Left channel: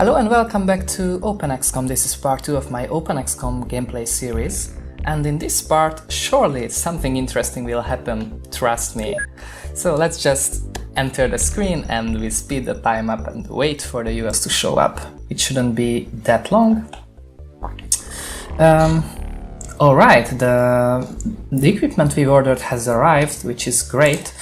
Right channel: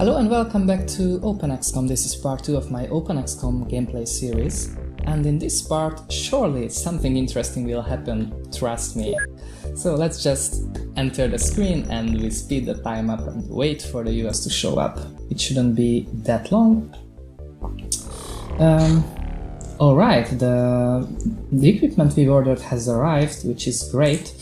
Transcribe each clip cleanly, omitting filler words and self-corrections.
Hello and welcome back to OpenXcom. This is part 2 of my OpenXcom gameplay series. And in this part, surely something interesting will happen, trust me. So let's just enter the screen and we speed the time up and wait for the US to show up. It shouldn't be that long. Alright, the equipment we ordered has arrived, which is great.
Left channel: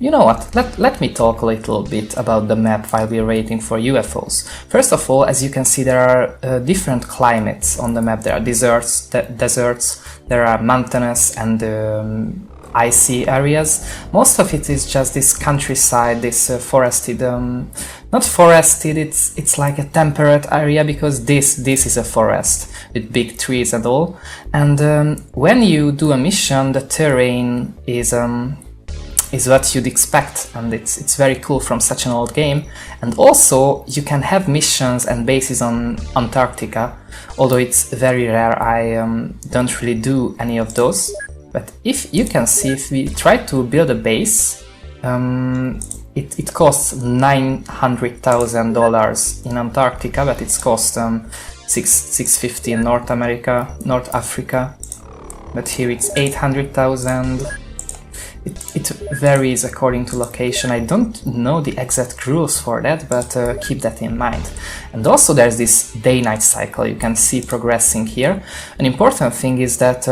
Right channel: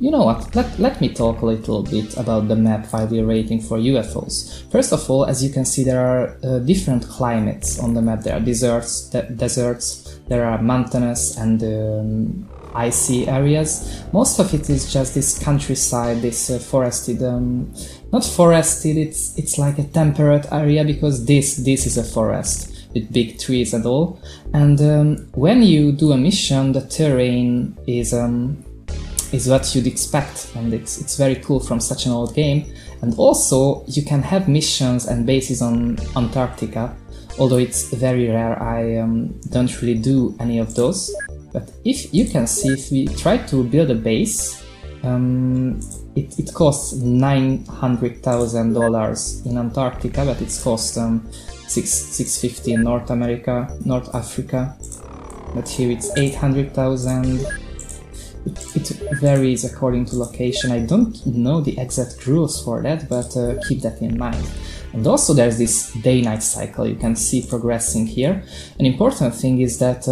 You know what, let me talk a little bit about the map while we're waiting for UFOs. First of all, as you can see, there are different climates on the map. There are deserts, there are mountainous and icy areas. Most of it is just this countryside, this forested, not forested, it's like a temperate area, because this is a forest with big trees and all. And when you do a mission, the terrain is what you'd expect, and it's very cool from such an old game. And also you can have missions and bases on Antarctica, although it's very rare. I don't really do any of those, but if you can see, if we try to build a base, it costs $900,000 in Antarctica, but it's cost $650 in North Africa, but here it's 800,000. It varies according to location. I don't know the exact rules for that, but keep that in mind. And also there's this day-night cycle you can see progressing here. An important thing is that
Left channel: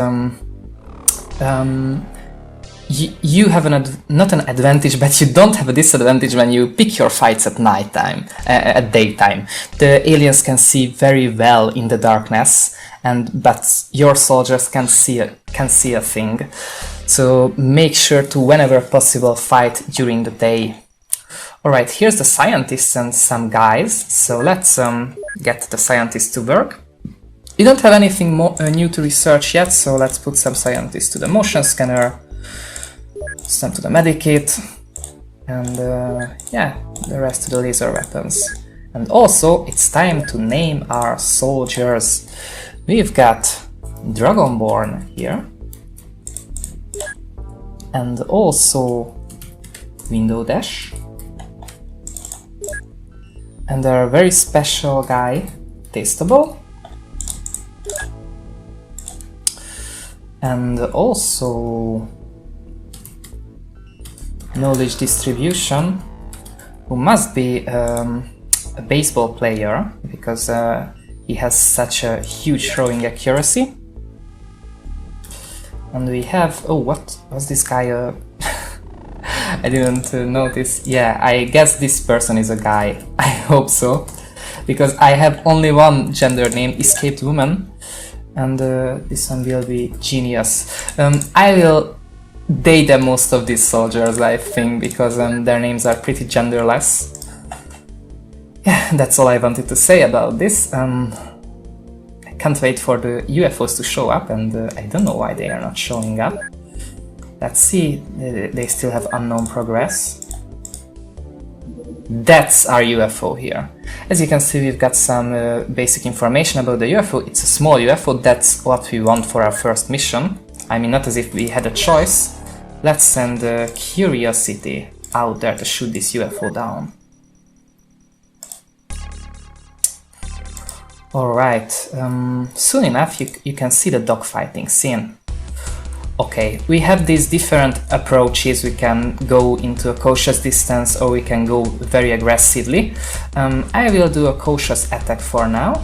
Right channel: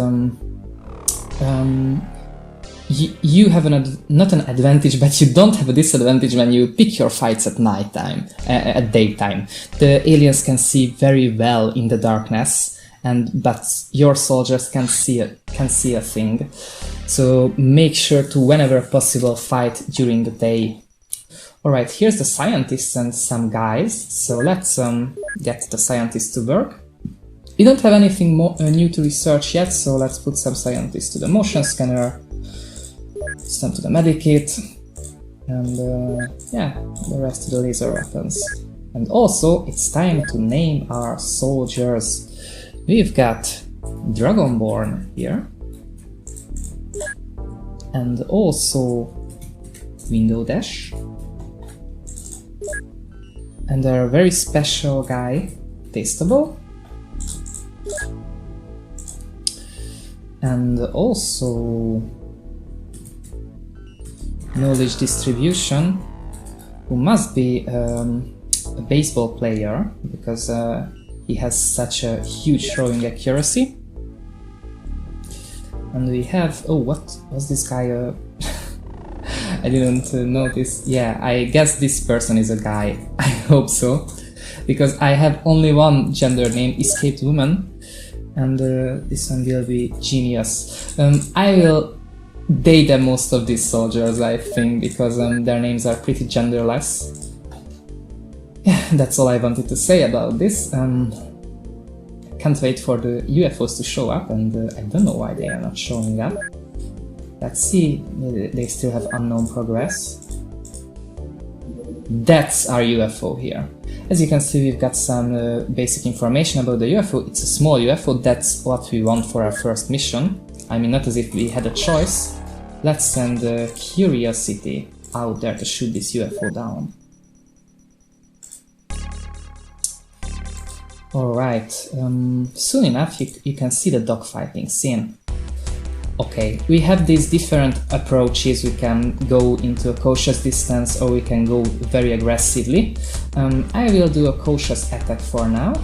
you have not an advantage, but you don't have a disadvantage when you pick your fights at nighttime, at daytime. The aliens can see very well in the darkness, but your soldiers can see a thing. So make sure to, whenever possible, fight during the day. Alright, here's the scientists and some guys, so let's get the scientists to work. We don't have anything more new to research yet, so let's put some scientists to the motion scanner, some to the medikit, and yeah, the rest to the laser weapons. And also, it's time to name our soldiers. We've got Dragonborn here, and also Window Dash, and our very special guy, Tasteable, and also Knowledge Distribution, who must be a baseball player, because he has such a huge throwing accuracy. And we have, oh, what was this guy? I didn't notice. Yeah, I guess this person is a guy. I hope so, because I have only one gender name, Escaped Woman, and this one will be Genius. I will date most of these soldiers, I think, because their names are pretty genderless. Yeah, that's all I wanted to say about this. Can't wait for the UFOs to show up, and I don't know why they are not showing up. Let's see, they still have unknown progress. That's our UFO here. As you can see, we've got some basic information about the UFO. It's a small UFO, that's what we want for our first mission. I mean, not as if we had a choice. Let's send Curiosity out there to shoot this UFO down. Alright, soon enough you can see the dogfighting scene. Okay, we have these different approaches. We can go into a cautious distance, or we can go very aggressively. I will do a cautious attack for now.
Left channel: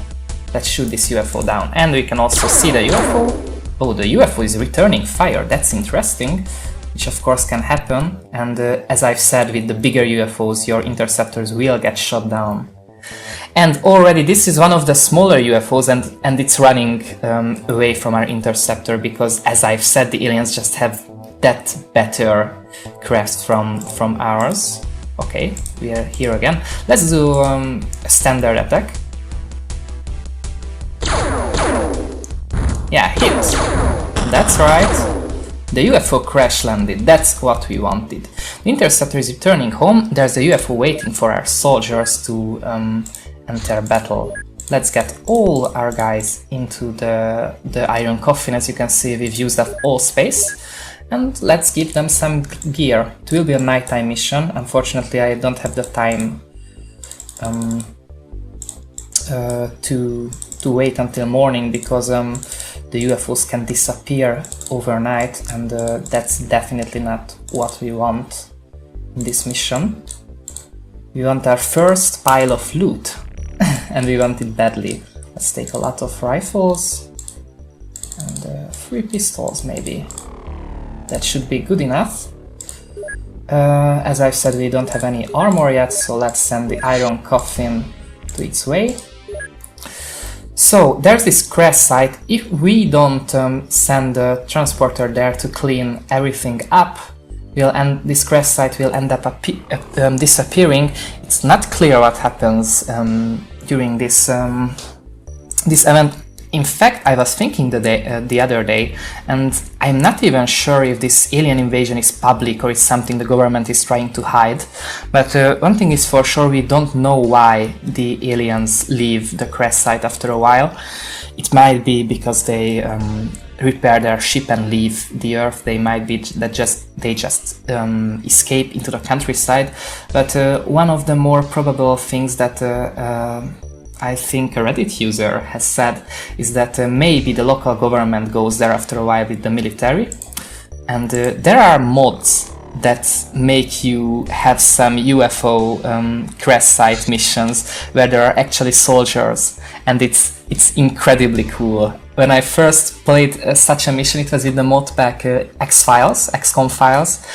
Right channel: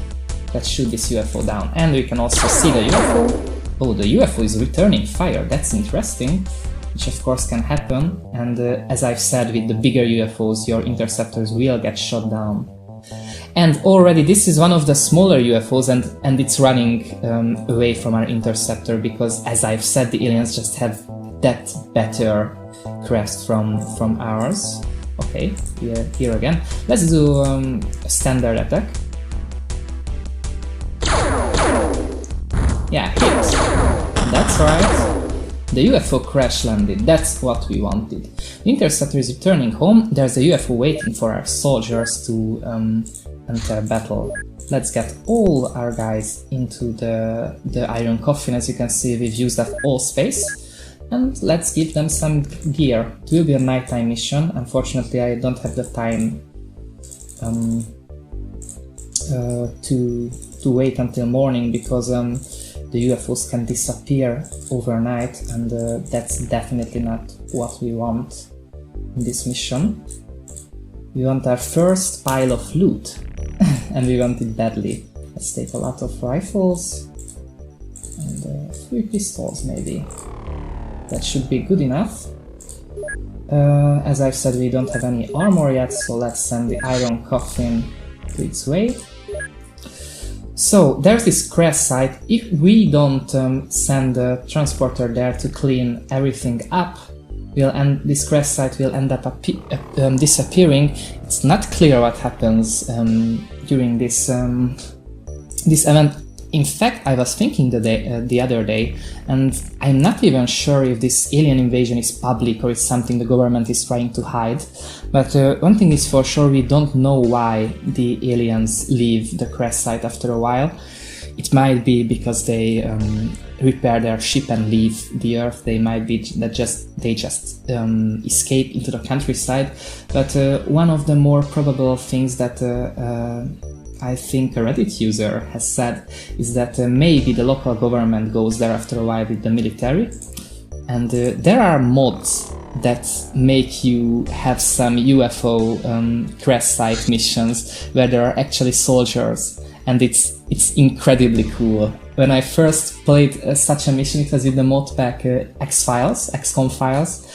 Let's shoot this UFO down, and we can also see the UFO. Oh, the UFO is returning fire, that's interesting, which of course can happen, and as I've said, with the bigger UFOs your interceptors will get shot down. And already this is one of the smaller UFOs, and it's running away from our interceptor, because, as I've said, the aliens just have that better crafts from ours. Okay, we are here again. Let's do a standard attack. Yeah, hit. That's right. The UFO crash landed, that's what we wanted. The interceptor is returning home, there's a UFO waiting for our soldiers to enter battle. Let's get all our guys into the iron coffin. As you can see, we've used up all space. And let's give them some gear. It will be a nighttime mission. Unfortunately, I don't have the time to wait until morning, because the UFOs can disappear overnight, and that's definitely not what we want in this mission. We want our first pile of loot, and we want it badly. Let's take a lot of rifles and 3 pistols maybe. That should be good enough. As I've said, we don't have any armor yet, so let's send the iron coffin to its way. So there's this crash site. If we don't send the transporter there to clean everything up, this crash site will end up disappearing. It's not clear what happens during this event. In fact, I was thinking the other day, and I'm not even sure if this alien invasion is public or it's something the government is trying to hide. But one thing is for sure, we don't know why the aliens leave the crash site after a while. It might be because they repair their ship and leave the Earth. They might be that they just escape into the countryside. But one of the more probable things that I think a Reddit user has said is that maybe the local government goes there after a while with the military, and there are mods that make you have some UFO crash site missions where there are actually soldiers, and it's incredibly cool. When I first played such a mission, it was with the mod pack XCOM files.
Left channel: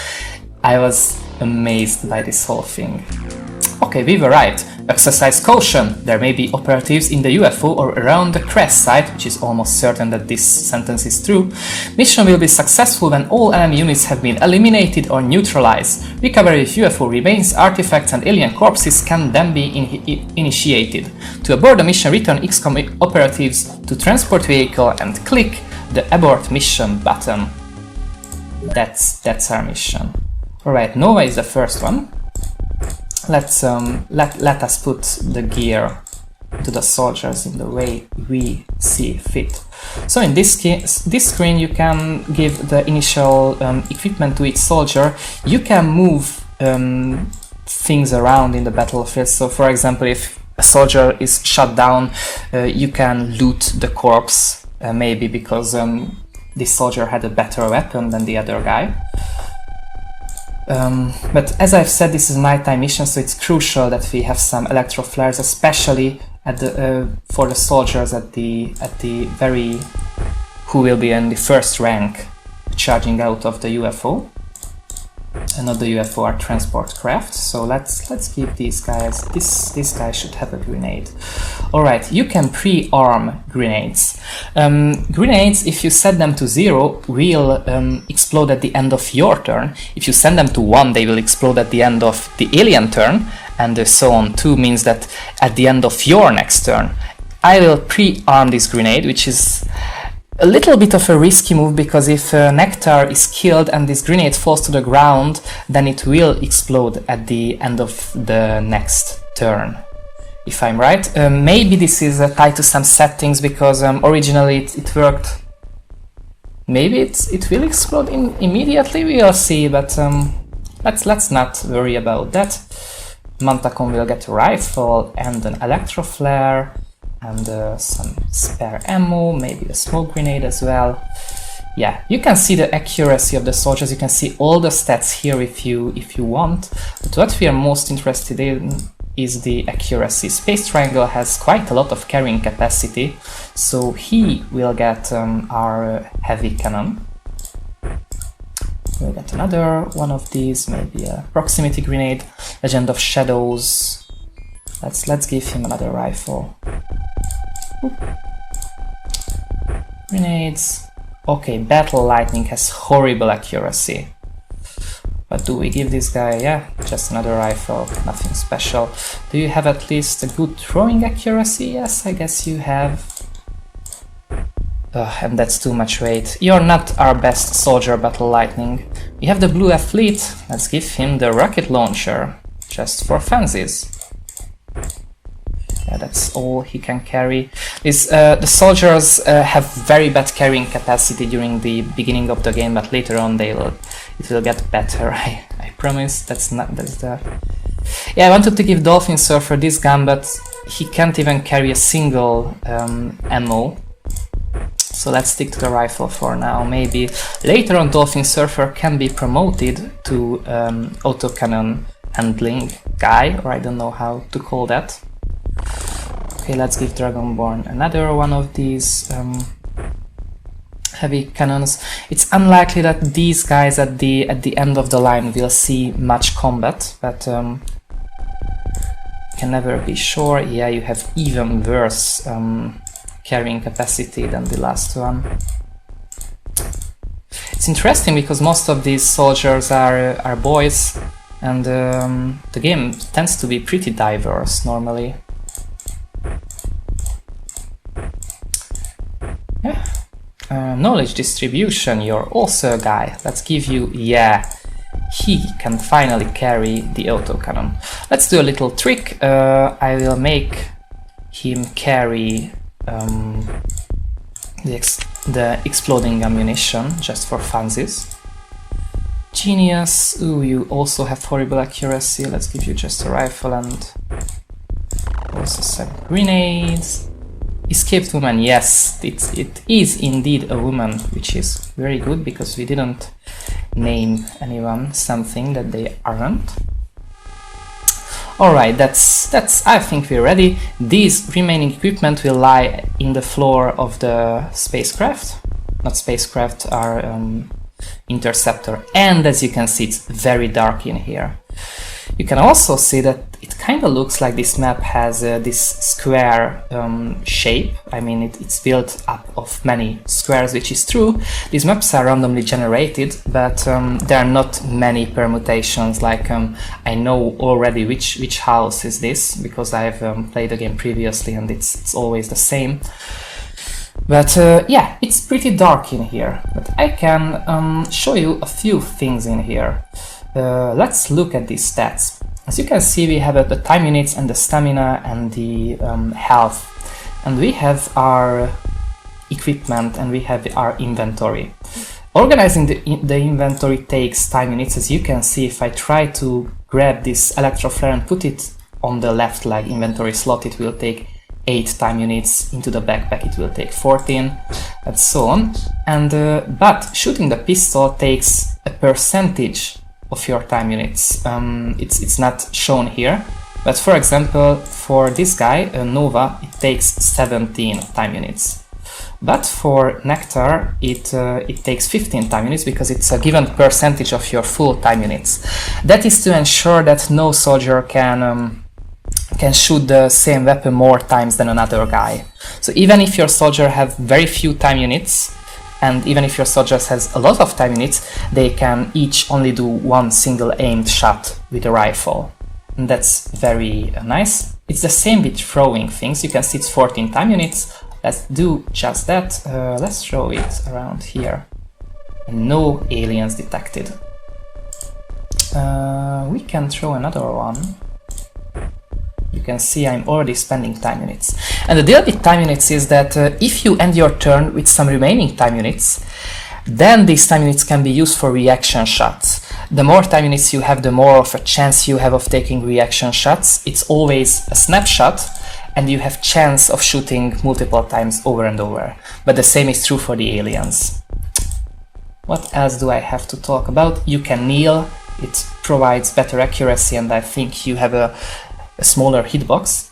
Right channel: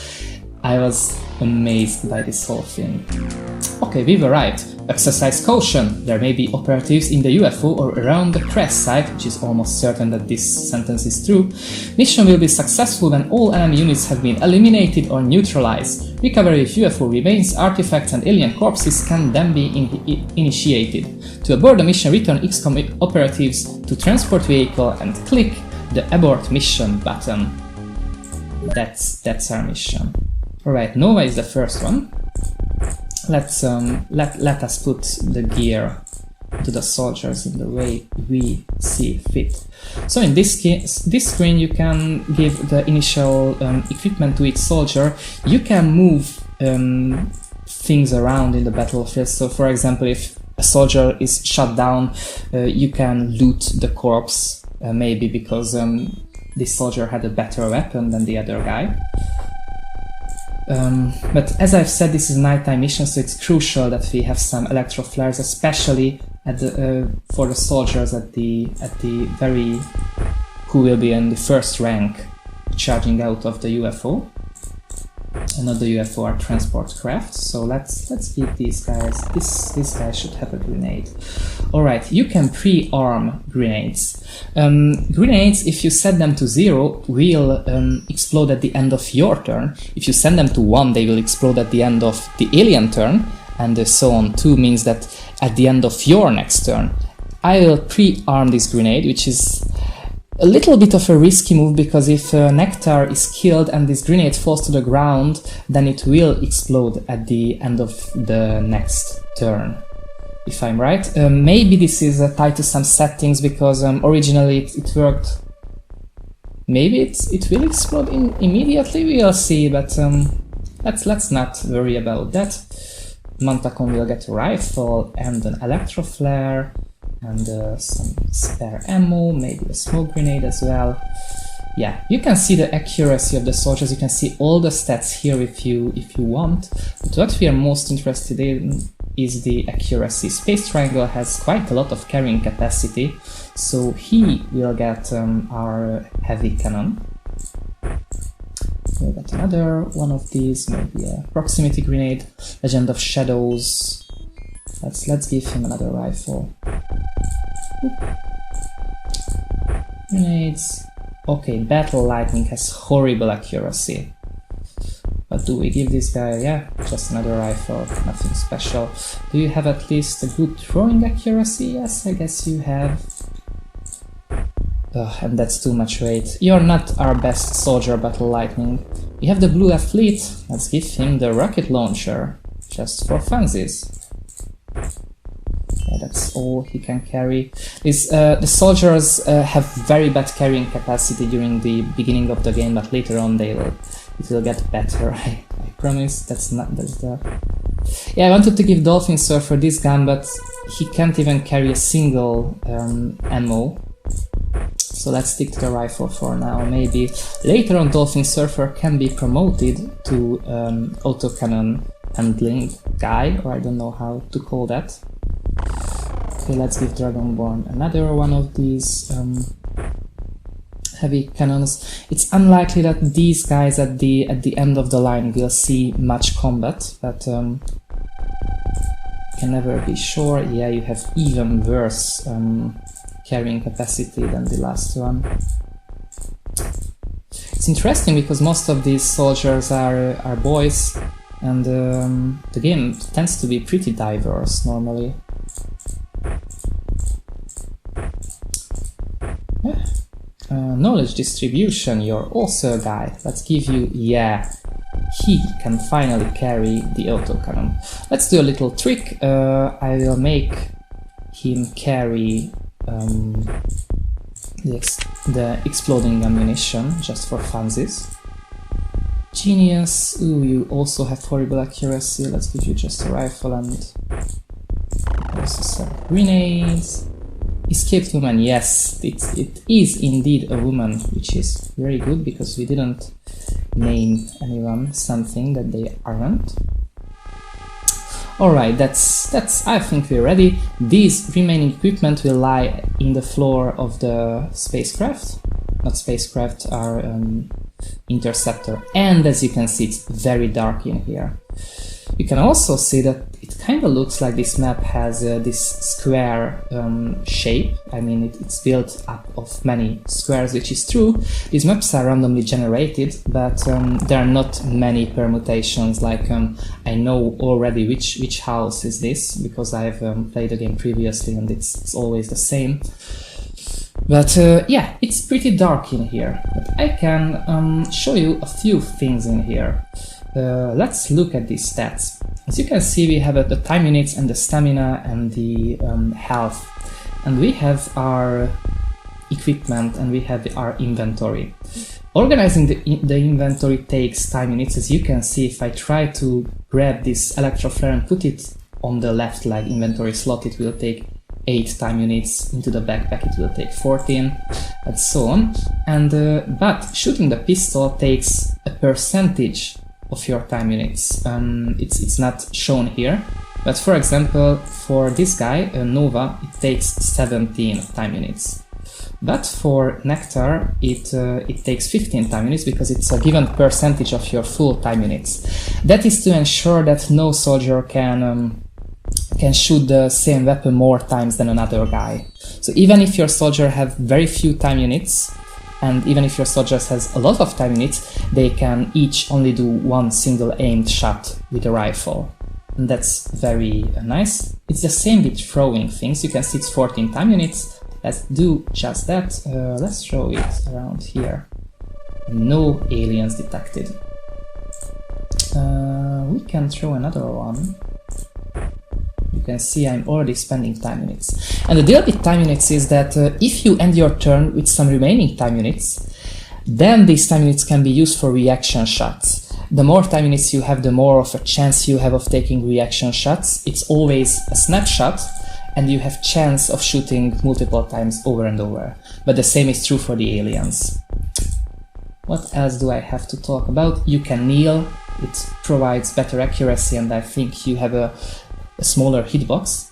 I was amazed by this whole thing. Okay, we've arrived. Exercise caution. There may be operatives in the UFO or around the crash site, which is almost certain that this sentence is true. Mission will be successful when all enemy units have been eliminated or neutralized. Recovery of UFO remains, artifacts and alien corpses can then be initiated. To abort the mission, return XCOM operatives to transport vehicle and click the abort mission button. That's our mission. Alright, Nova is the first one. Let's let us put the gear to the soldiers in the way we see fit. So in this screen you can give the initial equipment to each soldier. You can move things around in the battlefield. So for example, if a soldier is shot down, you can loot the corpse, maybe because this soldier had a better weapon than the other guy. But as I've said, this is nighttime mission, so it's crucial that we have some electro flares, especially for the soldiers at the very who will be in the first rank, charging out of the UFO. And not the UFO, are transport craft. So let's give these guys. This guy should have a grenade. All right, you can pre-arm grenades. Grenades, if you set them to 0, will explode at the end of your turn. If you send them to 1, they will explode at the end of the alien turn, and so on. 2 means that at the end of your next turn. I will pre-arm this grenade, which is a little bit of a risky move, because if Nectar is killed and this grenade falls to the ground, then it will explode at the end of the next turn, if I'm right. Maybe this is tied to some settings, because originally it worked. Maybe it will explode immediately, we'll see, but let's not worry about that. Mantacon will get a rifle and an electro flare, and some spare ammo, maybe a smoke grenade as well. Yeah, you can see the accuracy of the soldiers, you can see all the stats here if you want. But what we are most interested in is the accuracy. Space Triangle has quite a lot of carrying capacity, so he will get our heavy cannon. We'll get another one of these, maybe a proximity grenade. Legend of Shadows. Let's give him another rifle. Grenades. Okay, Battle Lightning has horrible accuracy. But do we give this guy, yeah, just another rifle, nothing special. Do you have at least a good throwing accuracy? Yes, I guess you have. And that's too much weight. You're not our best soldier, Battle Lightning. We have the Blue Athlete. Let's give him the rocket launcher, just for funsies. Yeah, that's all he can carry. The soldiers have very bad carrying capacity during the beginning of the game, but later on it will get better. I promise. That's the. Yeah, I wanted to give Dolphin Surfer this gun, but he can't even carry a single ammo. So let's stick to the rifle for now. Maybe later on Dolphin Surfer can be promoted to autocannon handling guy, or I don't know how to call that. Okay, let's give Dragonborn another one of these heavy cannons. It's unlikely that these guys at the end of the line will see much combat, but can never be sure. Yeah, you have even worse carrying capacity than the last one. It's interesting because most of these soldiers are boys, and the game tends to be pretty diverse normally. Yeah. Knowledge distribution, you're also a guy. Let's give you, yeah, he can finally carry the autocannon. Let's do a little trick. I will make him carry the exploding ammunition just for funsies. Genius. Ooh, you also have horrible accuracy. Let's give you just a rifle and also some grenades. Escaped woman, yes, it is indeed a woman, which is very good because we didn't name anyone something that they aren't. Alright, that's I think we're ready. These remaining equipment will lie in the floor of the spacecraft. Not spacecraft, our interceptor. And as you can see, it's very dark in here. You can also see that it kind of looks like this map has this square shape. I mean, it's built up of many squares, which is true. These maps are randomly generated, but there are not many permutations. Like I know already which house is this because I've played the game previously, and it's always the same. But yeah, it's pretty dark in here. But I can show you a few things in here. Let's look at these stats. As you can see, we have the time units and the stamina and the health, and we have our equipment and we have our inventory. Organizing the inventory takes time units. As you can see, if I try to grab this electroflare and put it on the left leg inventory slot, it will take 8 time units. Into the backpack it will take 14, and so on. And but shooting the pistol takes a percentage of your time units. It's not shown here, but for example, for this guy, Nova, it takes 17 time units. But for Nectar, it takes 15 time units because it's a given percentage of your full time units. That is to ensure that no soldier can shoot the same weapon more times than another guy. So even if your soldier have very few time units, and even if your soldiers has a lot of time units, they can each only do one single aimed shot with a rifle. And that's very nice. It's the same with throwing things. You can see it's 14 time units. Let's do just that. Let's throw it around here. No aliens detected. We can throw another one. You can see I'm already spending time units. And the deal with time units is that if you end your turn with some remaining time units, then these time units can be used for reaction shots. The more time units you have, the more of a chance you have of taking reaction shots. It's always a snapshot, and you have chance of shooting multiple times over and over. But the same is true for the aliens. What else do I have to talk about? You can kneel. It provides better accuracy, and I think you have a smaller hitbox.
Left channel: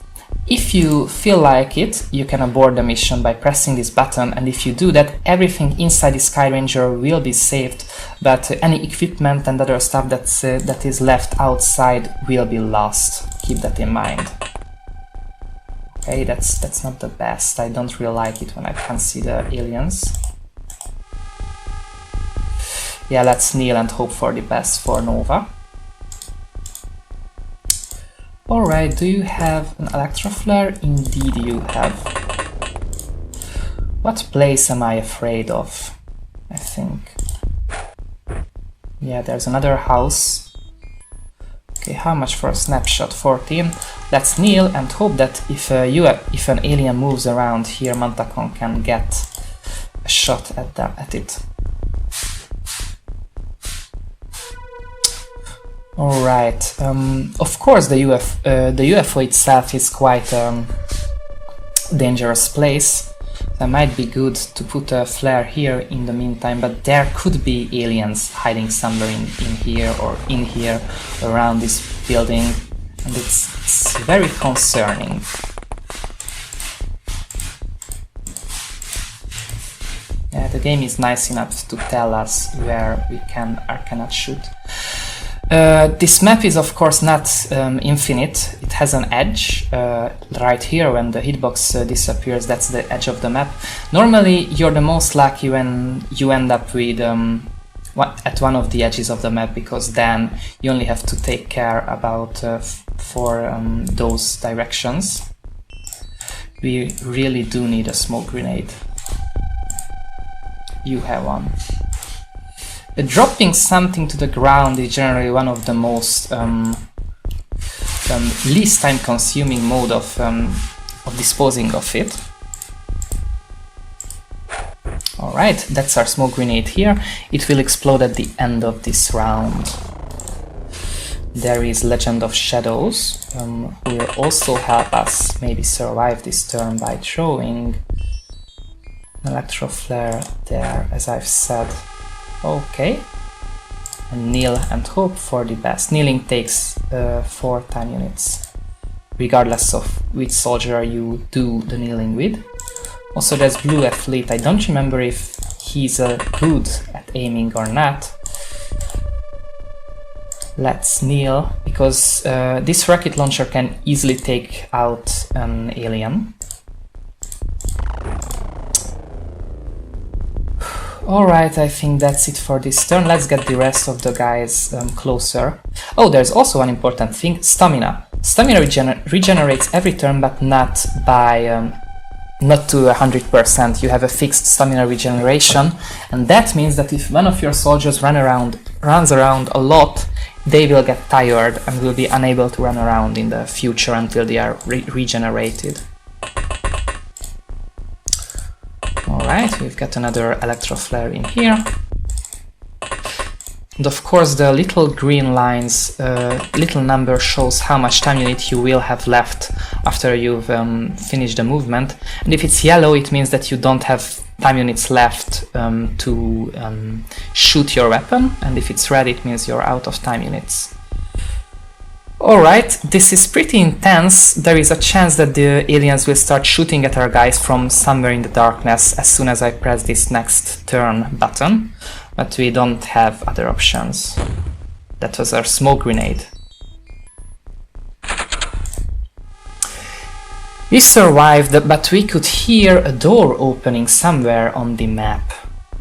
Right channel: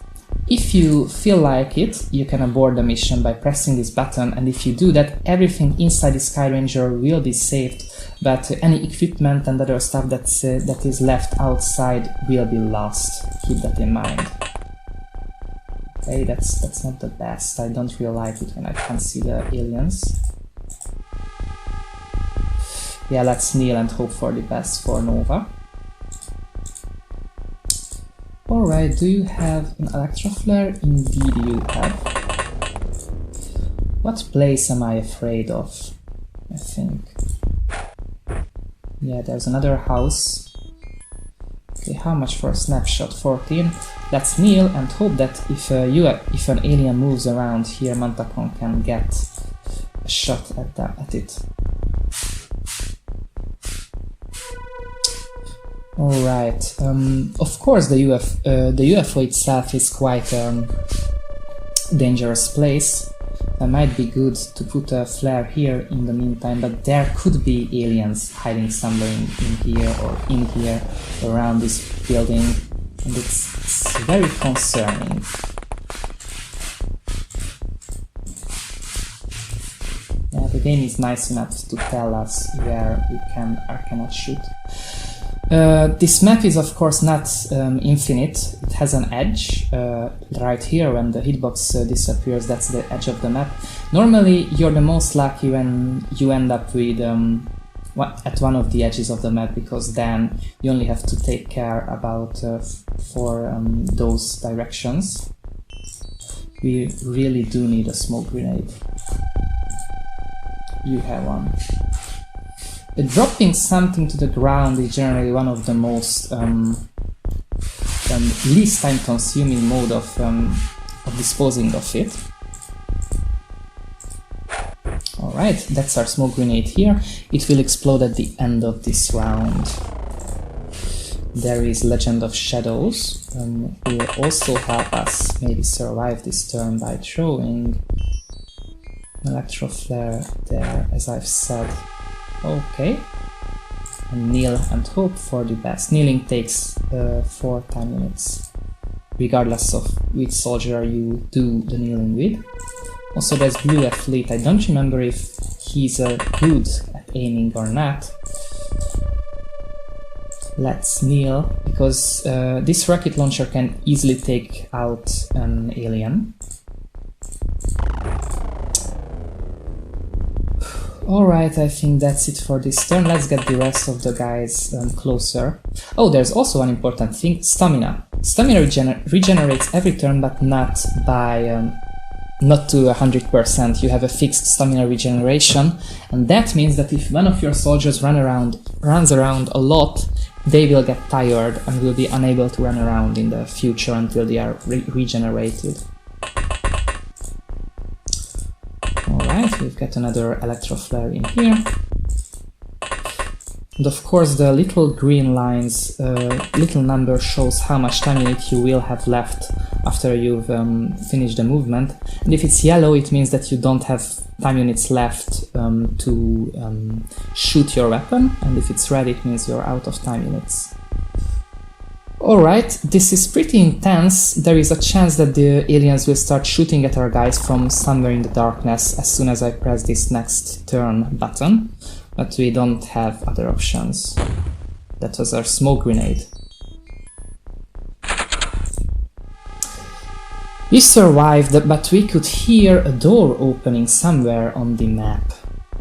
If you feel like it, you can abort the mission by pressing this button, and if you do that, everything inside the Sky Ranger will be saved, but any equipment and other stuff that is left outside will be lost. Keep that in mind. Okay, that's not the best. I don't really like it when I can see the aliens. Yeah, let's kneel and hope for the best for Nova. Alright, do you have an electroflare? Indeed you have. What place am I afraid of? I think. Yeah, there's another house. Okay, how much for a snapshot? 14. Let's kneel and hope that if an alien moves around here, Mantacon can get a shot at it. Alright, of course the UFO itself is quite a dangerous place. It might be good to put a flare here in the meantime, but there could be aliens hiding somewhere in here or in here around this building, and it's very concerning. Yeah, the game is nice enough to tell us where we can or cannot shoot. This map is of course not infinite. It has an edge right here. When the hitbox disappears, that's the edge of the map. Normally you're the most lucky when you end up with at one of the edges of the map, because then you only have to take care about for those directions. We really do need a smoke grenade. You have one. Dropping something to the ground is generally one of the most least time-consuming mode of disposing of it. Alright, that's our smoke grenade here. It will explode at the end of this round. There is Legend of Shadows, who will also help us maybe survive this turn by throwing an electro flare there, as I've said. Okay, kneel and hope for the best. Kneeling takes 4 time units, regardless of which soldier you do the kneeling with. Also there's Blue Athlete. I don't remember if he's good at aiming or not. Let's kneel, because this rocket launcher can easily take out an alien. Alright, I think that's it for this turn. Let's get the rest of the guys closer. Oh, there's also one important thing, stamina. Stamina regenerates every turn, but not by not to 100%. You have a fixed stamina regeneration, and that means that if one of your soldiers runs around a lot, they will get tired and will be unable to run around in the future until they are regenerated. Alright, we've got another electro flare in here. And of course the little green lines, little number shows how much time unit you will have left after you've finished the movement. And if it's yellow, it means that you don't have time units left to shoot your weapon. And if it's red, it means you're out of time units. Alright, this is pretty intense. There is a chance that the aliens will start shooting at our guys from somewhere in the darkness as soon as I press this next turn button, but we don't have other options. That was our smoke grenade. We survived, but we could hear a door opening somewhere on the map.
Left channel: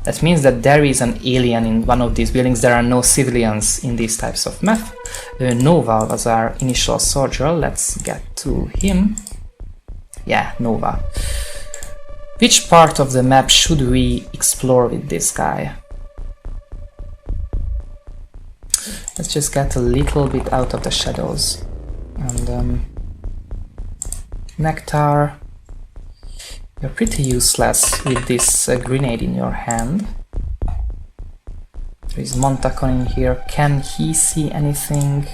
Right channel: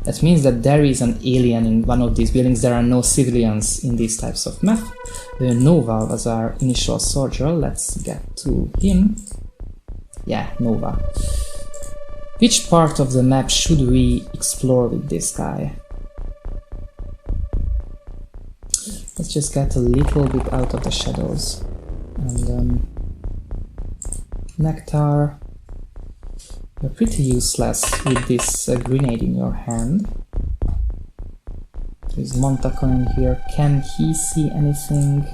That means that there is an alien in one of these buildings. There are no civilians in these types of map. Nova was our initial soldier. Let's get to him. Yeah, Nova. Which part of the map should we explore with this guy? Let's just get a little bit out of the shadows. And Nectar, you're pretty useless with this grenade in your hand. There is Montacon in here. Can he see anything?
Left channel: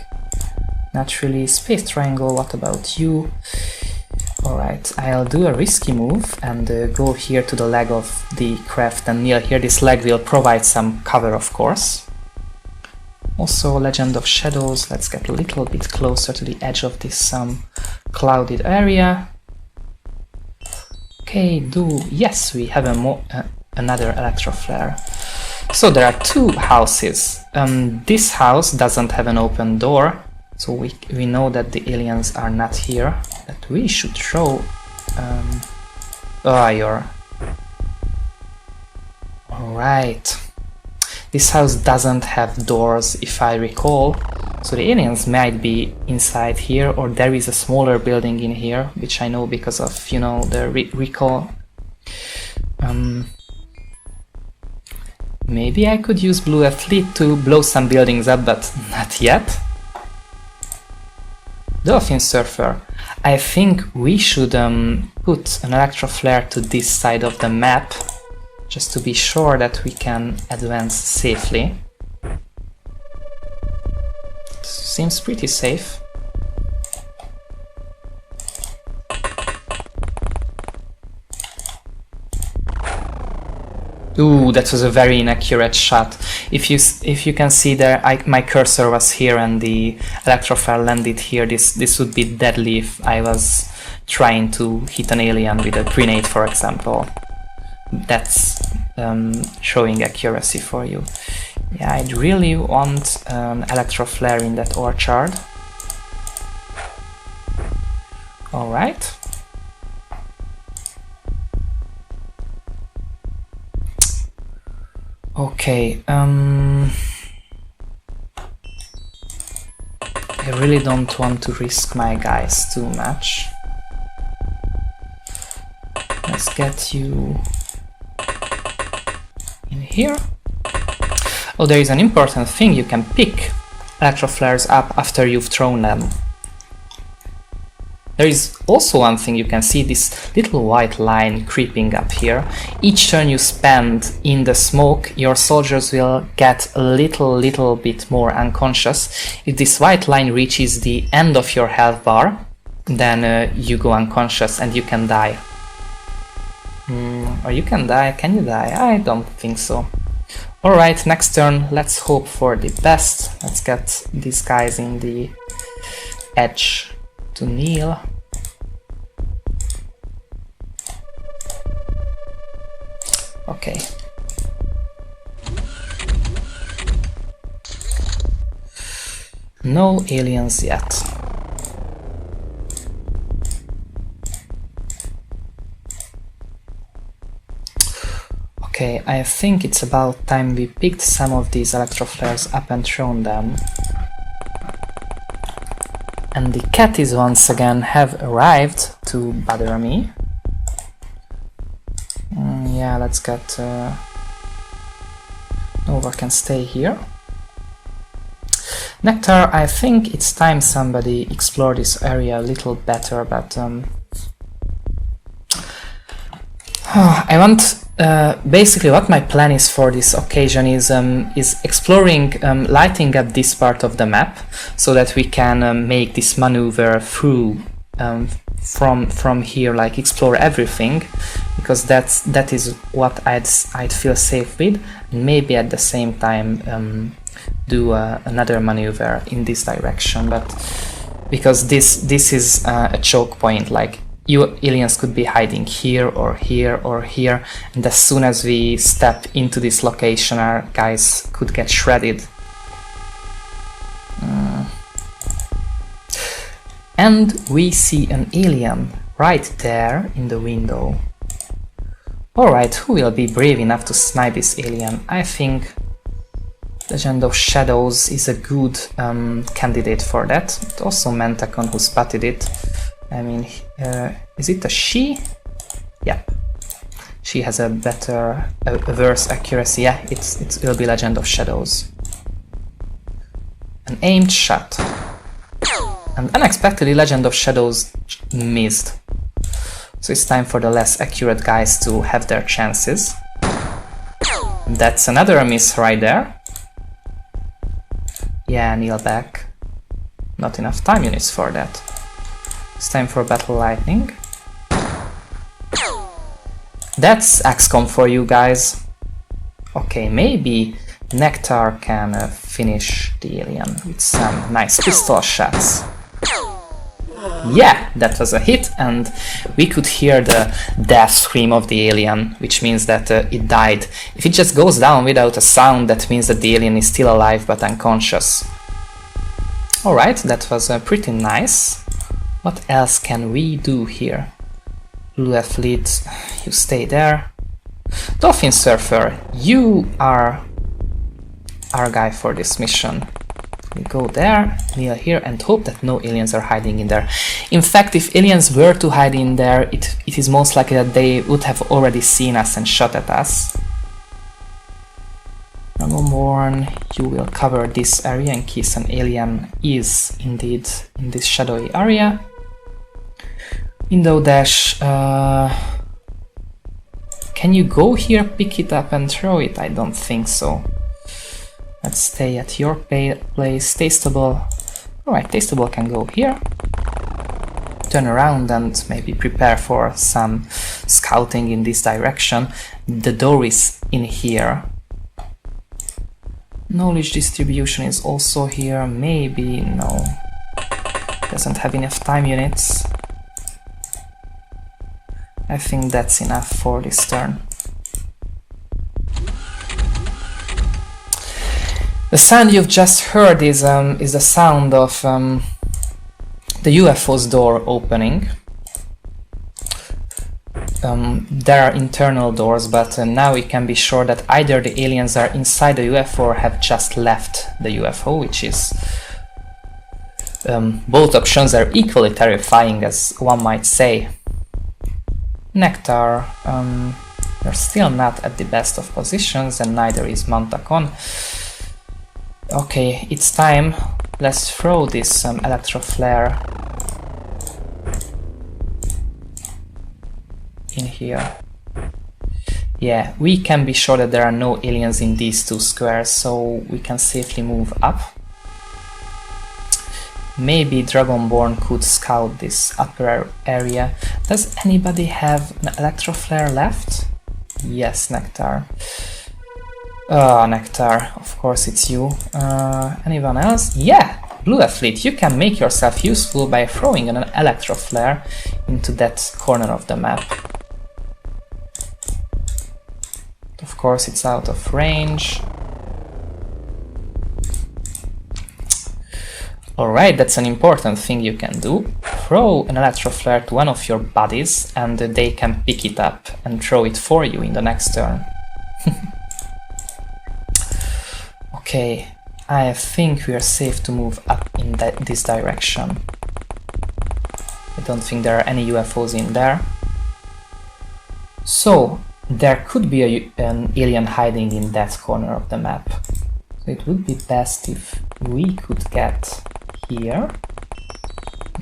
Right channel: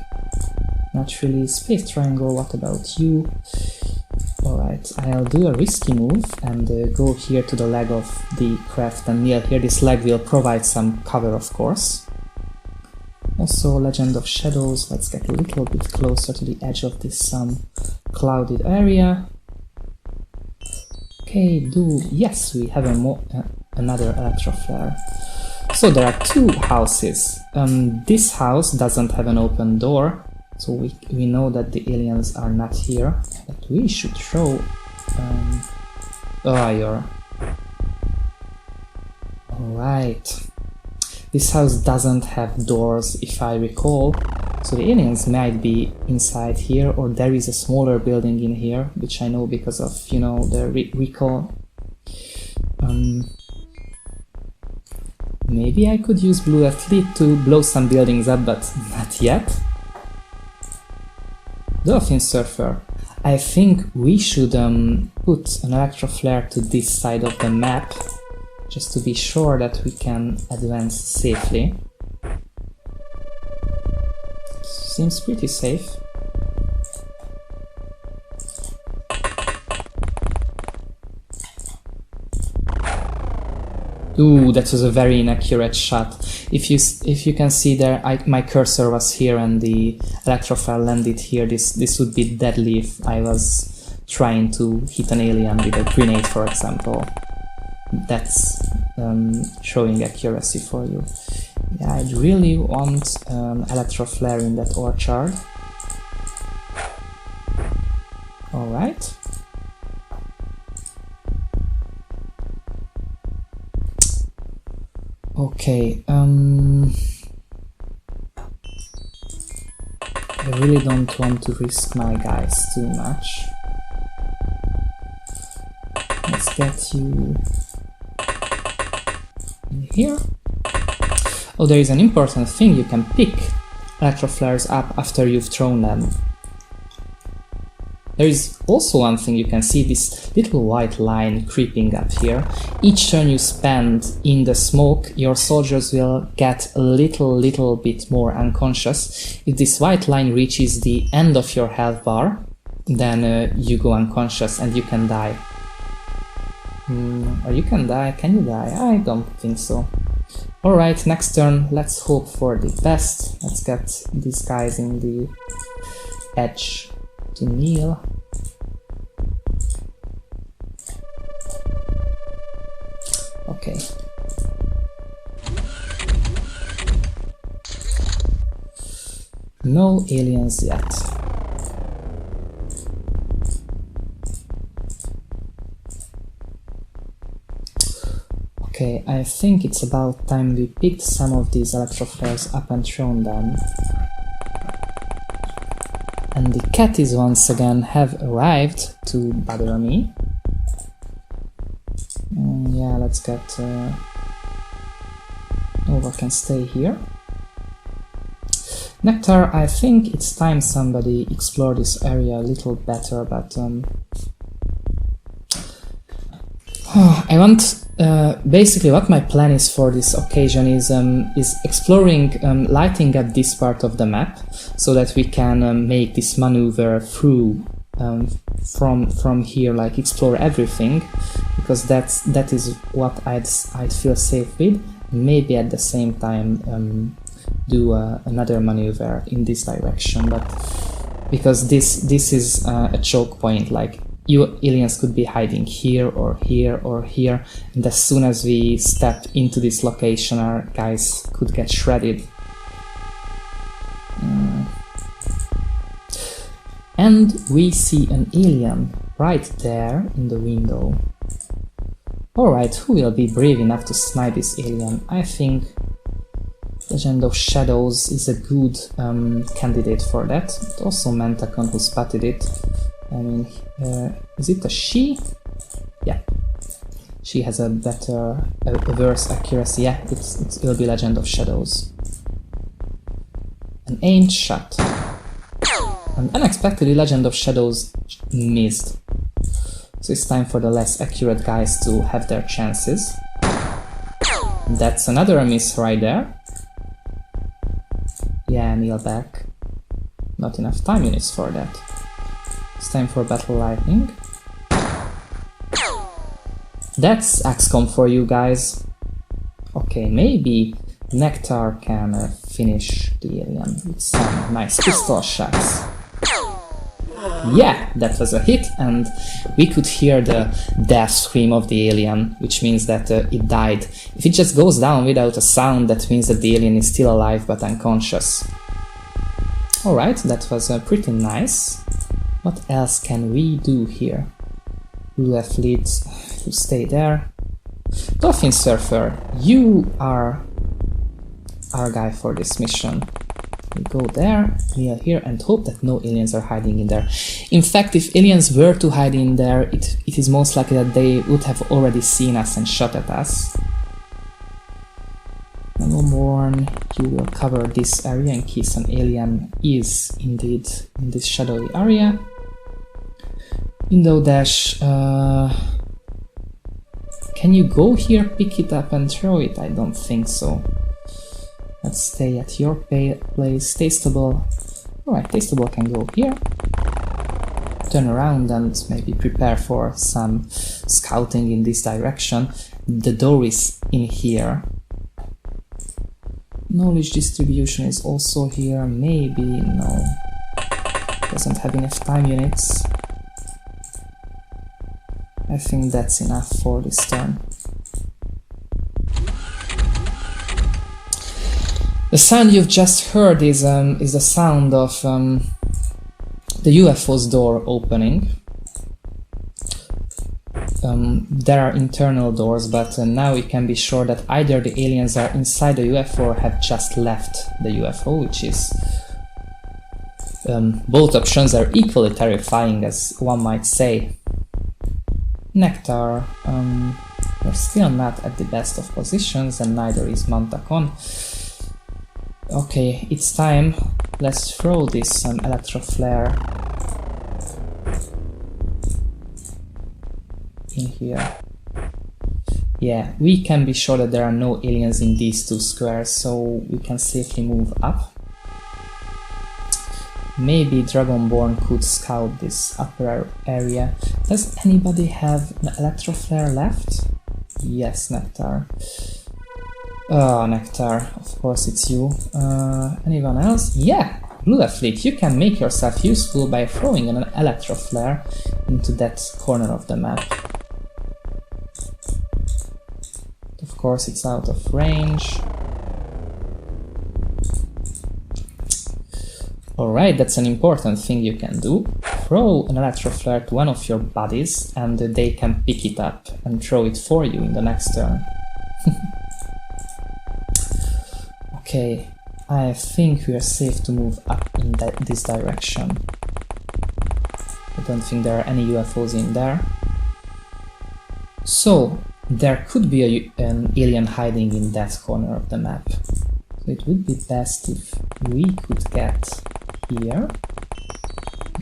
Not really. Space Triangle, what about you? Alright, I'll do a risky move and go here to the leg of the craft and kneel here. This leg will provide some cover, of course. Also Legend of Shadows. Let's get a little bit closer to the edge of this clouded area. Okay, yes, we have another electro flare. So there are two houses. This house doesn't have an open door, so we know that the aliens are not here. That we should throw. Alright. This house doesn't have doors, if I recall. So the aliens might be inside here, or there is a smaller building in here, which I know because of, you know, the recall. Maybe I could use Blue Athlete to blow some buildings up, but not yet. Dolphin Surfer. I think we should put an electro flare to this side of the map, just to be sure that we can advance safely. Seems pretty safe. Ooh, that was a very inaccurate shot. If you can see there, my cursor was here and the electroflare landed here. This would be deadly if I was trying to hit an alien with a grenade, for example. That's showing accuracy for you. Yeah, I'd really want electroflare in that orchard. All right. Okay, I really don't want to risk my guys too much. Let's get you in here. Oh, there is an important thing. You can pick electroflares up after you've thrown them. There is also one thing you can see, this little white line creeping up here. Each turn you spend in the smoke, your soldiers will get a little bit more unconscious. If this white line reaches the end of your health bar, then you go unconscious and you can die. Or you can die. Can you die? I don't think so. Alright, next turn, let's hope for the best. Let's get these guys in the edge to kneel. Okay. No aliens yet. Okay, I think it's about time we picked some of these electroflares up and thrown them. And the catties once again have arrived to bother me. Yeah, let's get... Nova can stay here. Nectar, I think it's time somebody explore this area a little better, but... I want... basically what my plan is for this occasion is exploring, lighting up this part of the map so that we can make this maneuver through from here, like explore everything, because that is what I'd feel safe with, and maybe at the same time do another maneuver in this direction, but because this is a choke point, like you aliens could be hiding here or here or here, and as soon as we step into this location our guys could get shredded. And we see an alien right there in the window. Alright, who will be brave enough to snipe this alien? I think Legend of Shadows is a good candidate for that. But also Mentacon, who spotted it. I mean, is it a she? Yeah. She has a better, a worse accuracy. Yeah, it will be Legend of Shadows. An aimed shot. And unexpectedly, Legend of Shadows missed. So it's time for the less accurate guys to have their chances. That's another miss right there. Yeah, kneel back. Not enough time units for that. It's time for Battle Lightning. That's XCOM for you guys. Okay, maybe Nectar can finish the alien with some nice pistol shots. Yeah, that was a hit, and we could hear the death scream of the alien, which means that it died. If it just goes down without a sound, that means that the alien is still alive but unconscious. Alright, that was pretty nice. What else can we do here? Blue Athlete, you stay there. Dolphin Surfer, you are our guy for this mission. We go there, kneel here, and hope that no aliens are hiding in there. In fact, if aliens were to hide in there, it is most likely that they would have already seen us and shot at us. Nanoborn, you will cover this area in case an alien is indeed in this shadowy area. Window Dash, can you go here, pick it up and throw it? I don't think so. Let's stay at your place, stay stable. Alright, Tasteable can go here. Turn around and maybe prepare for some scouting in this direction. The door is in here. Knowledge distribution is also here. Maybe, no. Doesn't have enough time units. I think that's enough for this turn. The sound you've just heard is the sound of the UFO's door opening. There are internal doors, but now we can be sure that either the aliens are inside the UFO or have just left the UFO, which is... both options are equally terrifying, as one might say. Nectar, you're still not at the best of positions, and neither is Montacon. Okay, it's time. Let's throw this electro flare in here. Yeah, we can be sure that there are no aliens in these two squares, so we can safely move up. Maybe Dragonborn could scout this upper area. Does anybody have an electro flare left? Yes, Nectar. Nectar, of course it's you. Anyone else? Yeah! Blue Athlete, you can make yourself useful by throwing an electro flare into that corner of the map. Of course it's out of range. Alright, that's an important thing you can do. Throw an electro flare to one of your buddies and they can pick it up and throw it for you in the next turn. Okay, I think we are safe to move up in this direction. I don't think there are any UFOs in there. So, there could be an alien hiding in that corner of the map. So it would be best if we could get here.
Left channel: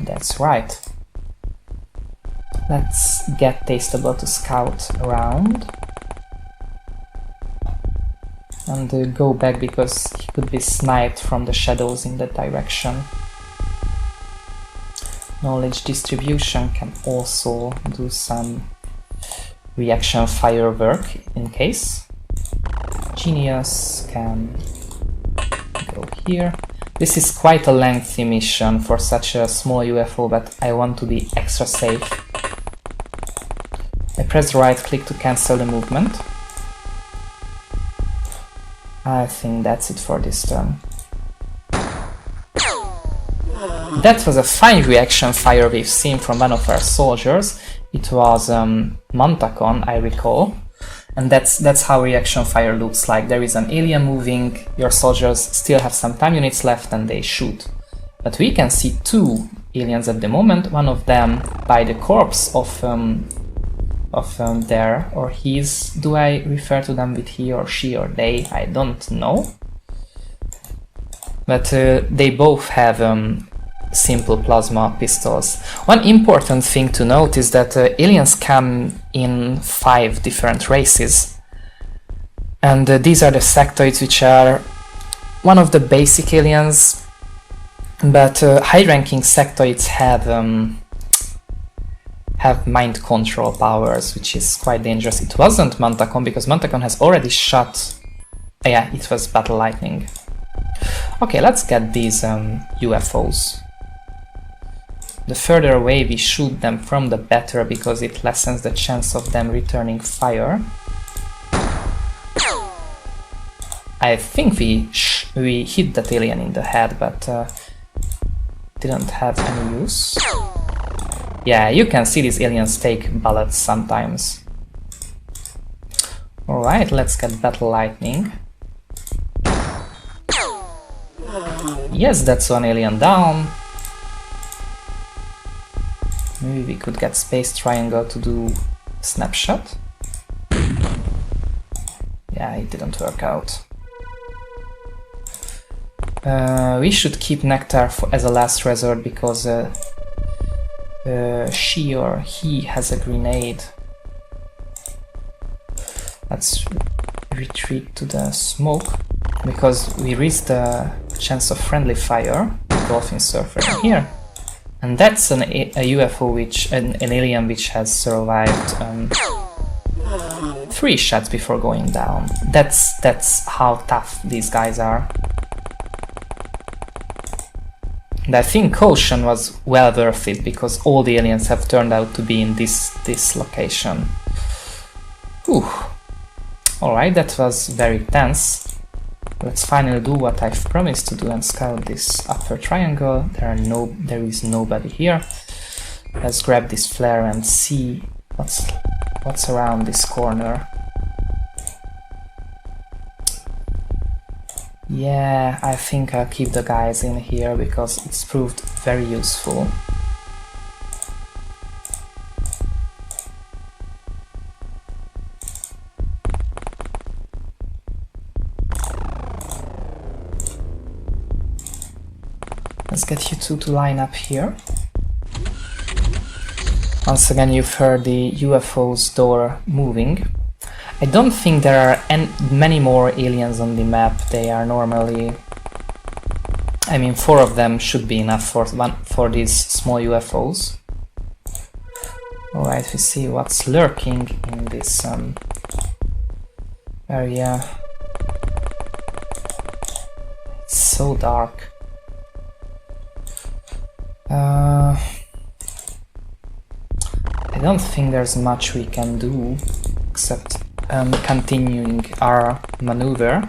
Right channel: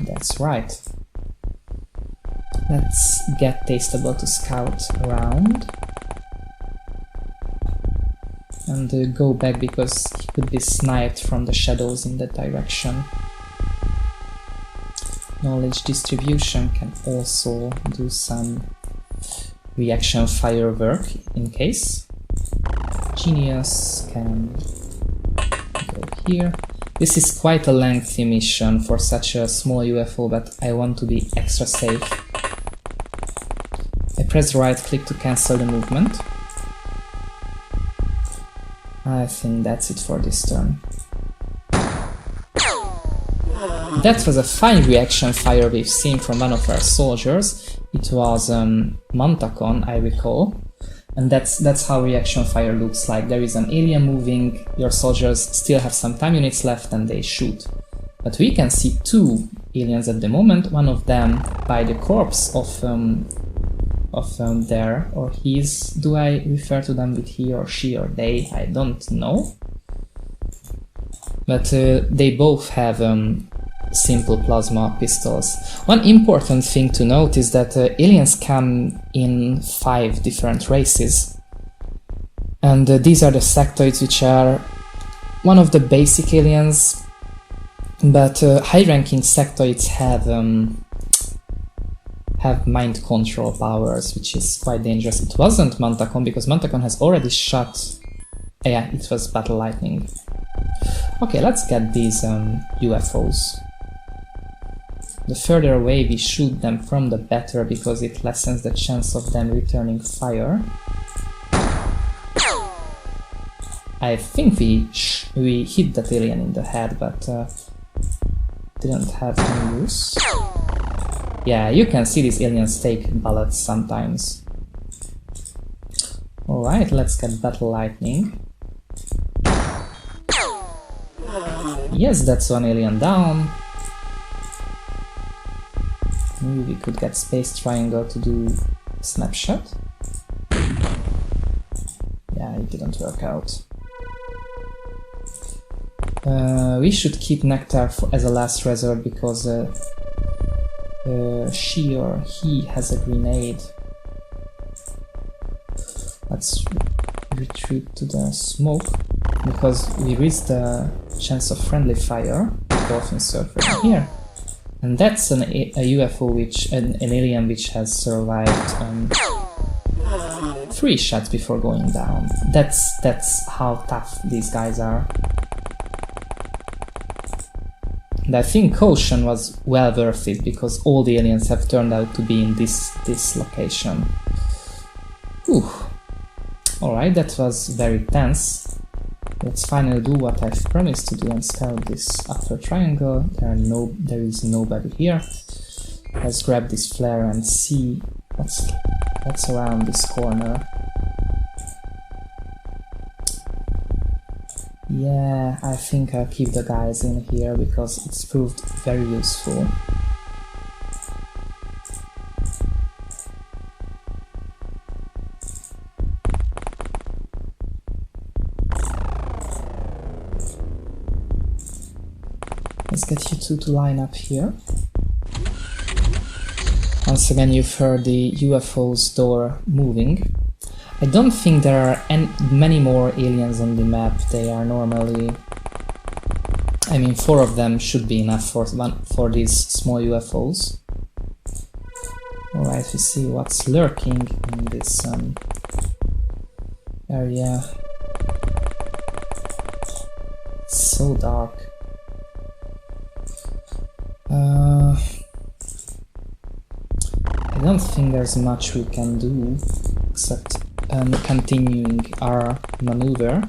That's right. Let's get Tasteable to scout around. And go back because he could be sniped from the shadows in that direction. Knowledge distribution can also do some reaction firework in case. Genius can go here. This is quite a lengthy mission for such a small UFO, but I want to be extra safe. I press right click to cancel the movement. I think that's it for this turn. That was a fine reaction fire we've seen from one of our soldiers. It was Montacon, I recall. And that's how reaction fire looks like. There is an alien moving, your soldiers still have some time units left and they shoot. But we can see two aliens at the moment, one of them by the corpse of their or his. Do I refer to them with he or she or they? I don't know. But they both have simple plasma pistols. One important thing to note is that aliens come in 5 different races. And these are the sectoids, which are one of the basic aliens, but high-ranking sectoids have mind control powers, which is quite dangerous. It wasn't Montacon, because Montacon has already shot... yeah, it was Battle Lightning. Okay, let's get these UFOs. The further away we shoot them from, the better, because it lessens the chance of them returning fire. I think we hit that alien in the head, but didn't have any use. Yeah, you can see these aliens take bullets sometimes. Alright, let's get Battle Lightning. Yes, that's one alien down. Maybe we could get Space Triangle to do Snapshot. Yeah, it didn't work out. We should keep Nectar as a last resort, because she or he has a grenade. Let's retreat to the smoke, because we risk the chance of friendly fire. dolphin surfer here. And that's a UFO which, an alien which has survived 3 shots before going down. That's how tough these guys are. And I think Caution was well worth it because all the aliens have turned out to be in this location. Whew. Alright, that was very tense. Let's finally do what I've promised to do and scout this upper triangle. There is nobody here. Let's grab this flare and see what's around this corner. Yeah, I think I'll keep the guys in here because it's proved very useful. Let's get you two to line up here. Once again, you've heard the UFO's door moving. I don't think there are many more aliens on the map. They are normally... I mean, 4 of them should be enough for these small UFOs. Alright, we see what's lurking in this area. It's so dark. I don't think there's much we can do except continuing our maneuver.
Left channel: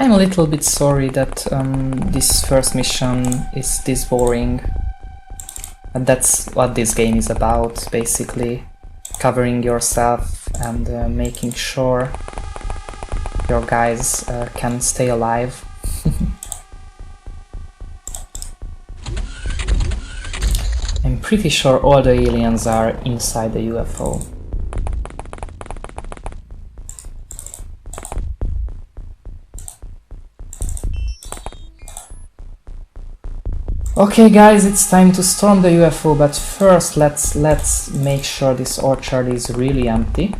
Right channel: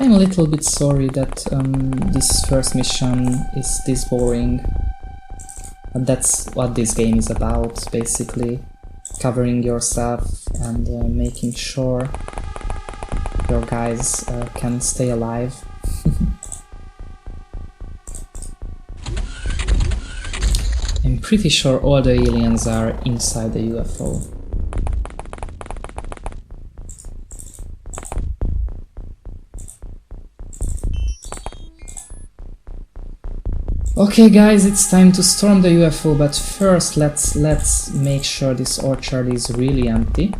I'm a little bit sorry that this first mission is this boring. And that's what this game is about, basically. Covering yourself and making sure your guys can stay alive. I'm pretty sure all the aliens are inside the UFO. Okay guys, it's time to storm the UFO, but first let's make sure this orchard is really empty.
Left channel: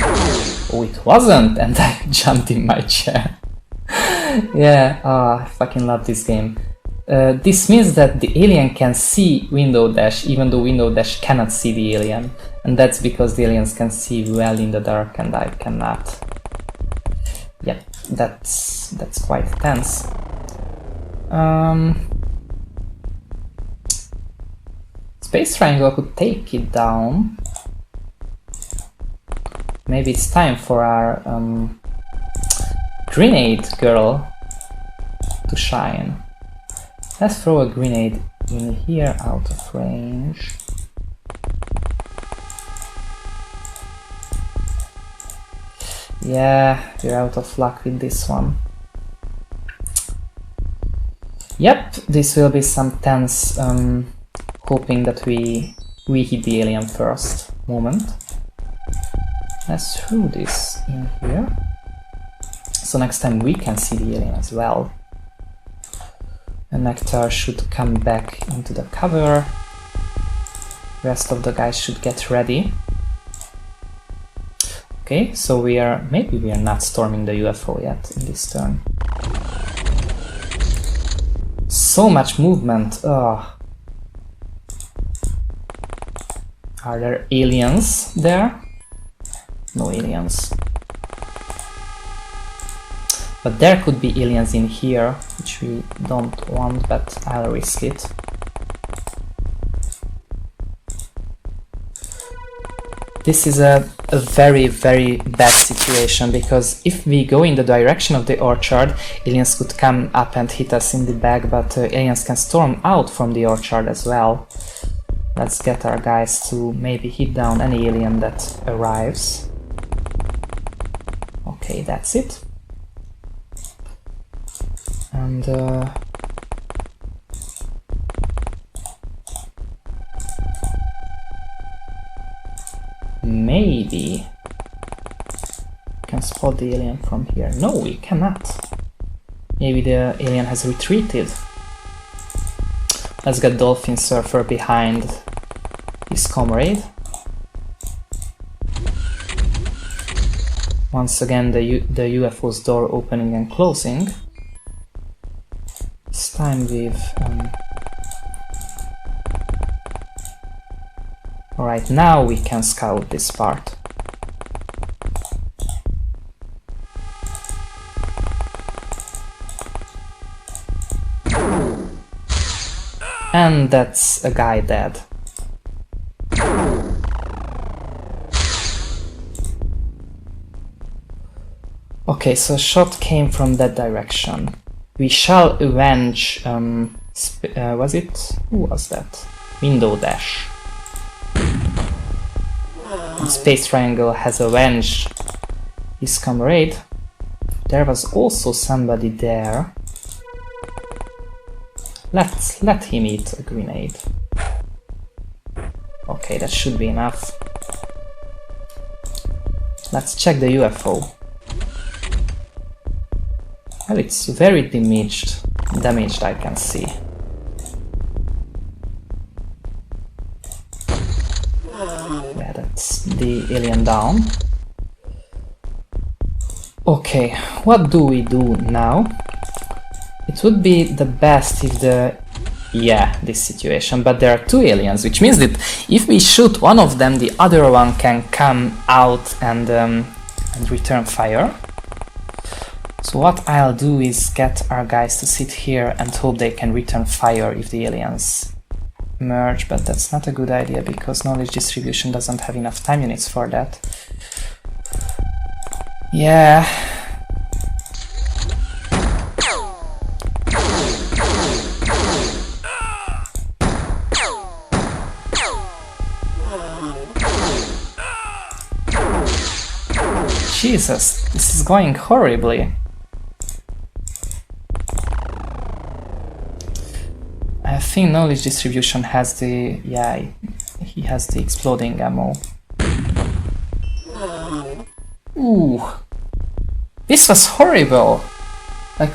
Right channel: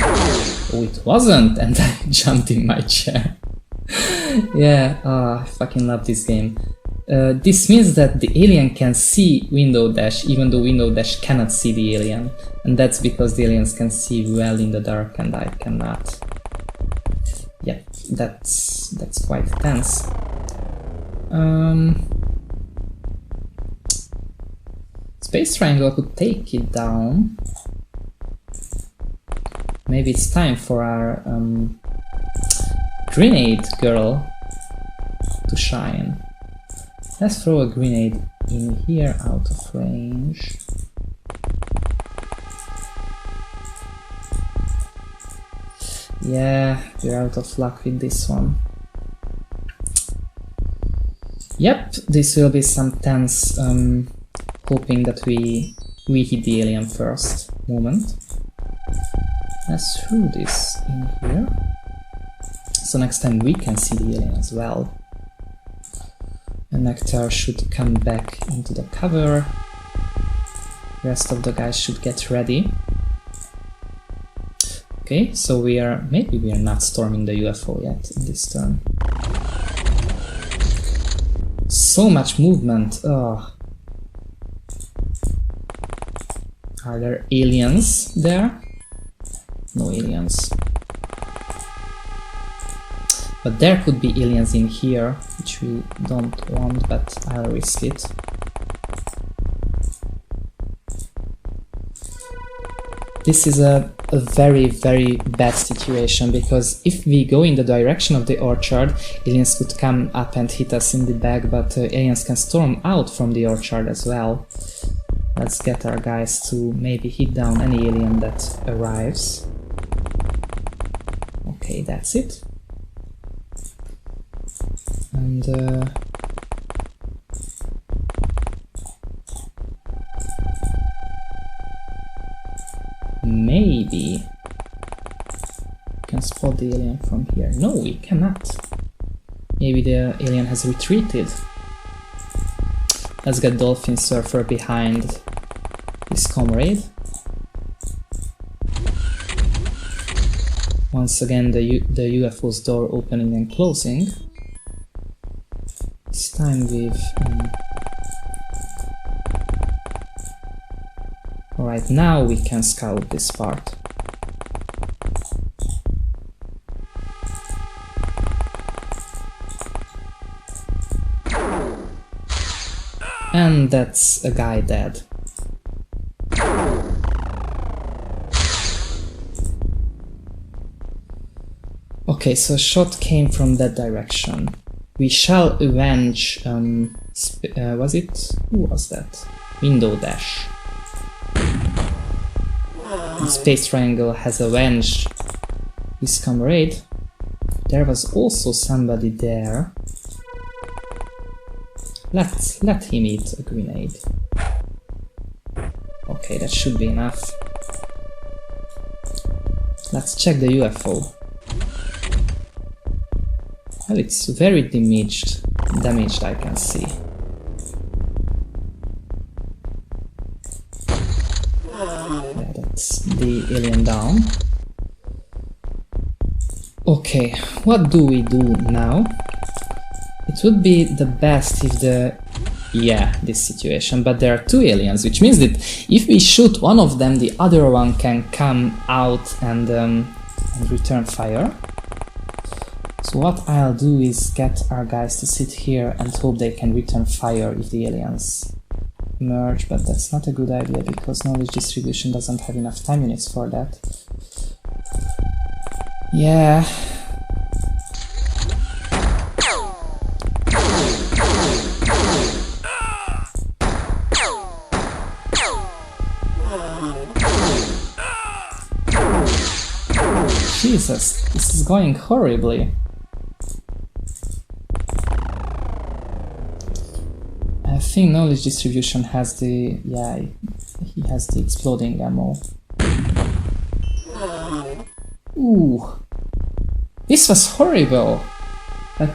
Oh, it wasn't, and I jumped in my chair. Yeah, I fucking love this game. This means that the alien can see Window Dash, even though Window Dash cannot see the alien. And that's because the aliens can see well in the dark and I cannot. Yeah, that's quite tense. Space Triangle could take it down. Maybe it's time for our grenade girl to shine. Let's throw a grenade in here out of range. Yeah, we're out of luck with this one. Yep, this will be some tense hoping that we hit the alien first moment. Let's throw this in here. So next time we can see the alien as well. And Nectar should come back into the cover. Rest of the guys should get ready. Okay, so maybe we are not storming the UFO yet in this turn. So much movement. Ugh. Are there aliens there? No aliens. But there could be aliens in here, which we don't want, but I'll risk it. This is a very, very bad situation, because if we go in the direction of the orchard, aliens could come up and hit us in the back, but aliens can storm out from the orchard as well. Let's get our guys to maybe hit down any alien that arrives. Okay, that's it. And maybe we can spot the alien from here. No, we cannot. Maybe the alien has retreated. Let's get Dolphin Surfer behind his comrade. Once again, the UFO's door opening and closing. This time with... Alright, now we can scout this part. And that's a guy dead. Okay, so a shot came from that direction. We shall avenge... was it? Who was that? Window Dash. Space Triangle has avenged his comrade. There was also somebody there. Let him eat a grenade. Okay, that should be enough. Let's check the UFO. Well, it's very damaged I can see. Yeah, that's the alien down. Okay, what do we do now? It would be the best if the... yeah, this situation, but there are two aliens, which means that if we shoot one of them, the other one can come out and return fire. So what I'll do is get our guys to sit here and hope they can return fire if the aliens merge, but that's not a good idea because knowledge distribution doesn't have enough time units for that. Yeah. Jesus, this is going horribly. I think knowledge distribution has the... yeah, he has the exploding ammo. Ooh. This was horrible! Like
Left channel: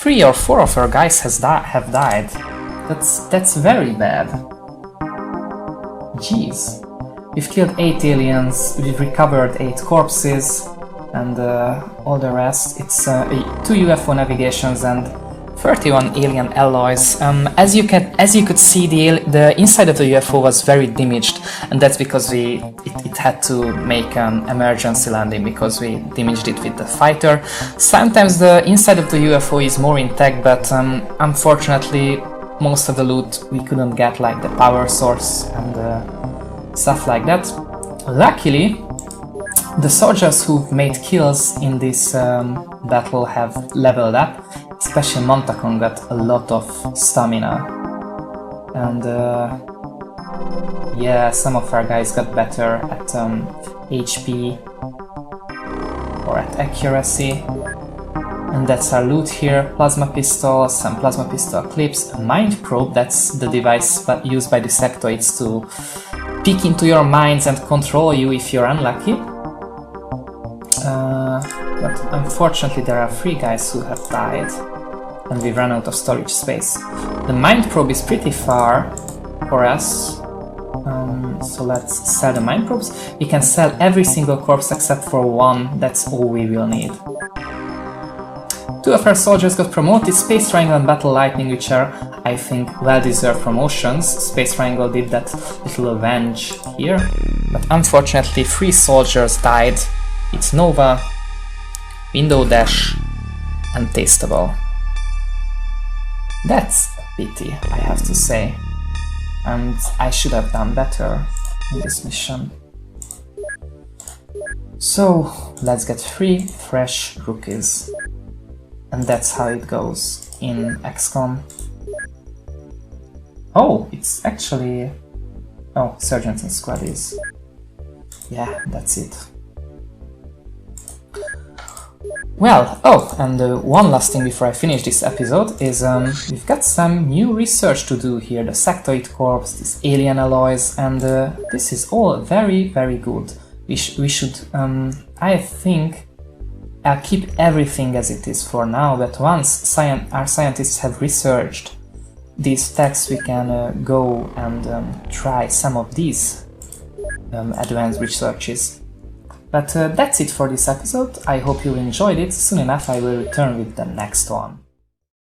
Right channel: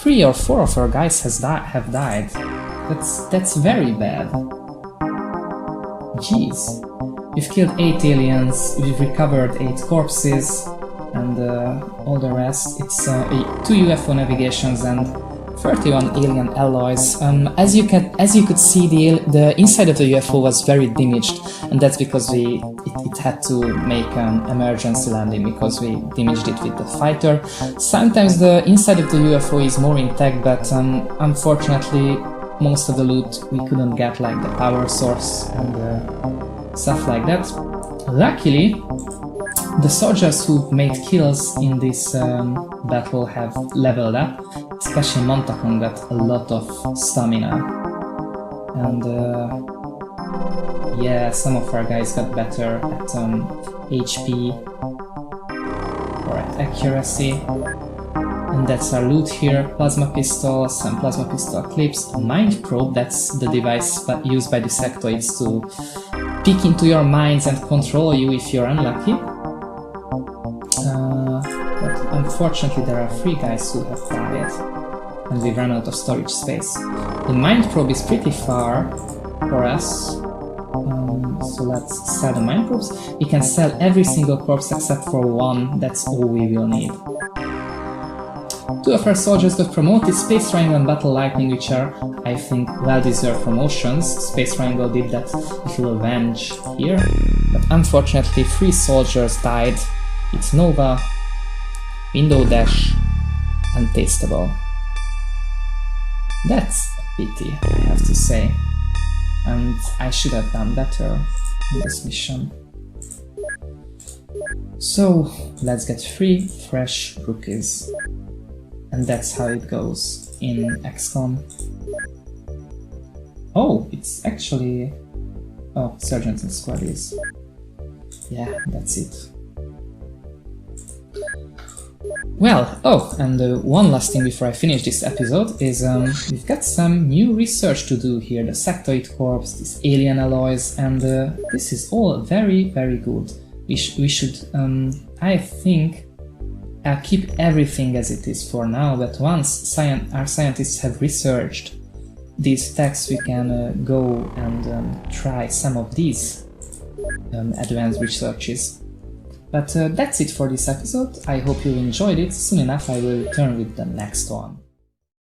3 or 4 of our guys have died. That's very bad. Jeez. We've killed 8 aliens, we've recovered 8 corpses, and all the rest. It's 2 UFO navigations and 31 alien alloys. As you could see, the inside of the UFO was very damaged, and that's because it had to make an emergency landing because we damaged it with the fighter. Sometimes the inside of the UFO is more intact, but unfortunately most of the loot we couldn't get, like the power source and stuff like that. Luckily, the soldiers who made kills in this battle have leveled up, especially Montakon got a lot of stamina. And yeah, some of our guys got better at HP or at accuracy. And that's our loot here: plasma pistols, some plasma pistol clips, a mind probe, that's the device used by the sectoids to peek into your minds and control you if you're unlucky. But unfortunately there are 3 guys who have died and we've run out of storage space. The mind probe is pretty far for us, so let's sell the mind probes. We can sell every single corpse except for 1, that's all we will need. 2 of our soldiers got promoted, Space Triangle and Battle Lightning, which are, I think, well-deserved promotions. Space Triangle did that little avenge here, but unfortunately 3 soldiers died. It's Nova, Window Dash, and Tasteable. That's a pity, I have to say, and I should have done better in this mission. So, let's get 3 fresh rookies. And that's how it goes in XCOM. Oh, it's actually... oh, Sergeants and Squaddies. Yeah, that's it. Well, oh, and one last thing before I finish this episode is we've got some new research to do here. The sectoid corpse, these alien alloys, and this is all very, very good. we should, I think, keep everything as it is for now, but once our scientists have researched these texts, we can go and try some of these advanced researches. But that's it for this episode. I hope you enjoyed it. Soon enough I will return with the next one.